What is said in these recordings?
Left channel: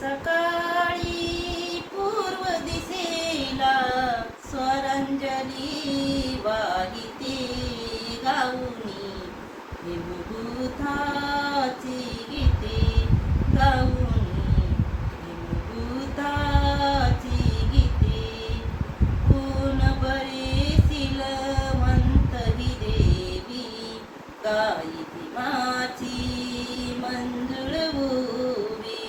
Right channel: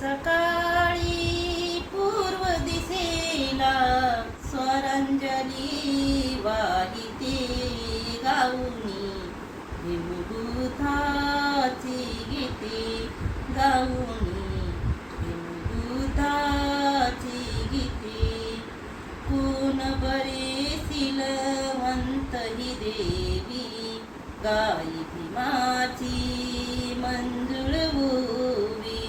सकाळी पूर्व दिसेला स्वरांजली वाहिते गाऊनी हिमभूताची गीते गाऊनी हिमभूताची गीते पून बरे सिलवंत ही देवी गाई भीमाची मंजुळ भुवी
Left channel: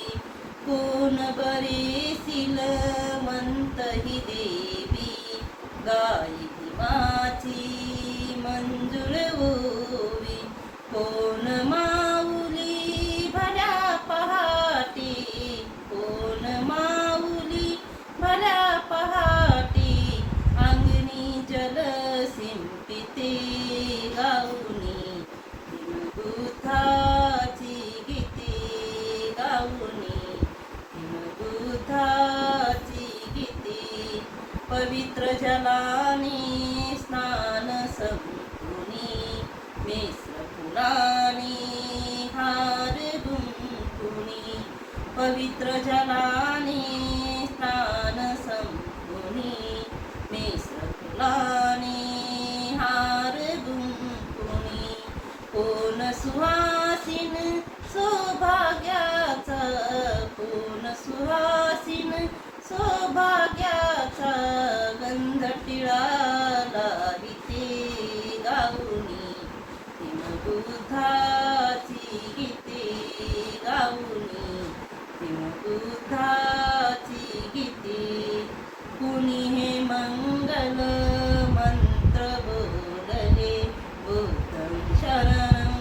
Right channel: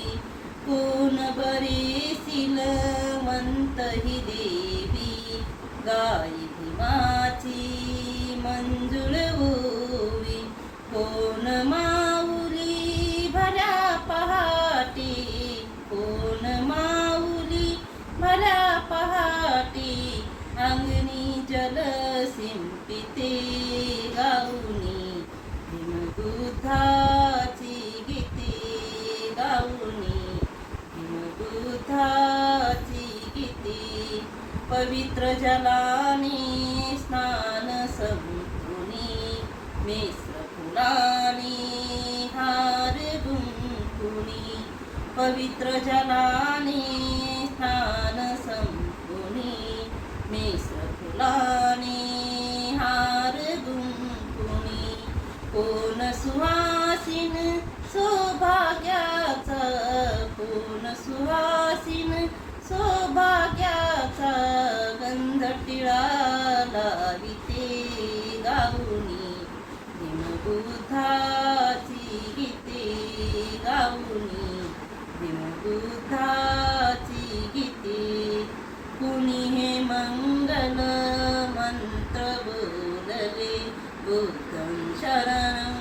कोण बरे सिलवंत ही देवी गाई भीमाची मंजुळ भुवी कोण माऊली भल्या पहाटे कोण माऊली भल्या पहाटे अंगणी जल शिंपिते गाऊनी हिमभूताची गीते गाऊनी हिमभूताची गीते पवित्र जलाने स्नान संपुनी मिश्र फुलाने हार गुंफुनी पवित्र जलाने स्नान संपुनी मिश्र फुलाने हार गुंफुनी कोण सुवासिन सौभाग्याचा कोण सुवासिन सौभाग्याचा गंध टिळा लाविते गाऊनी हिमभूताची गीते गाऊनी हिमभूताची गीते कुणी हे मंगल मंत्र बोलले बुद्धं शरणं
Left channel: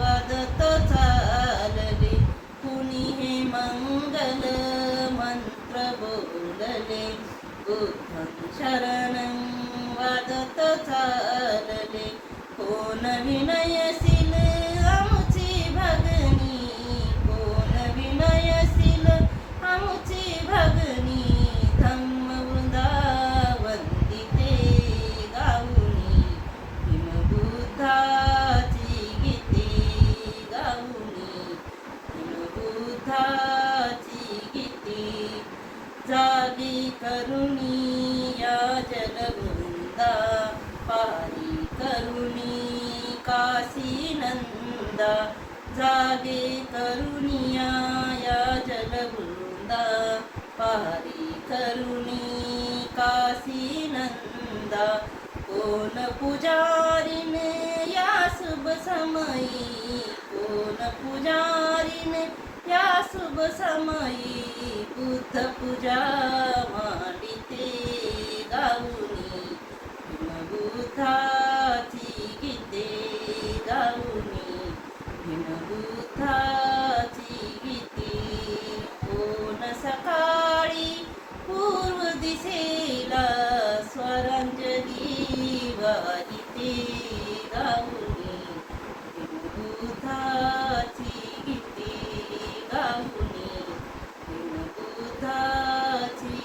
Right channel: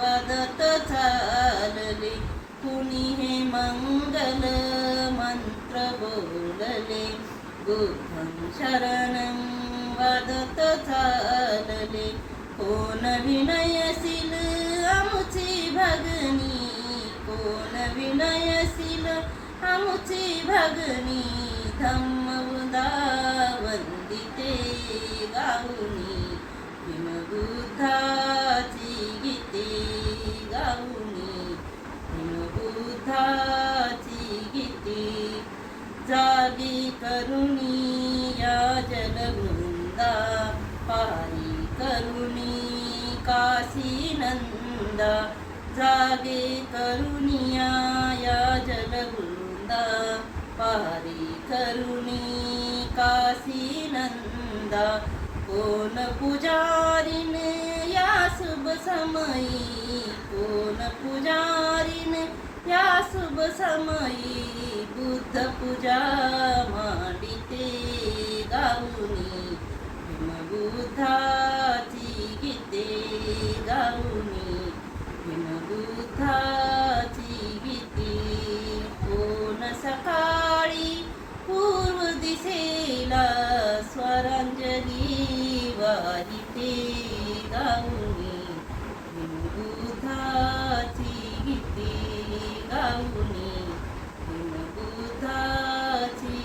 वदत चालले कुणी हे मंगल मंत्र बोलले बुद्धं शरणं वदत चालले कोण विनयशील आमुची भगनी कोण विनयशील आमुची भगनी धम्म वंदिते गाऊनी हिमभूताची गीते गाऊनी हिमभूताची गीते जागी करुणी या जलवृंदा पारी करुणी काशी नंदा जागे करुणिया या जलवृंदा पारी करुणी काशी नंदा कोण पुजारीन या शुभ समयी कोण पुजारीन या शुभ समयी बुद्ध पूजा मांडिते गाऊनी हिमभूताची गीते गाऊनी हिमभूताची गीते कोण सकाळी पूर्व दिसेला स्वरांजली वाहिते गाऊनी हिमभूताची गीते गाऊनी हिमभूताची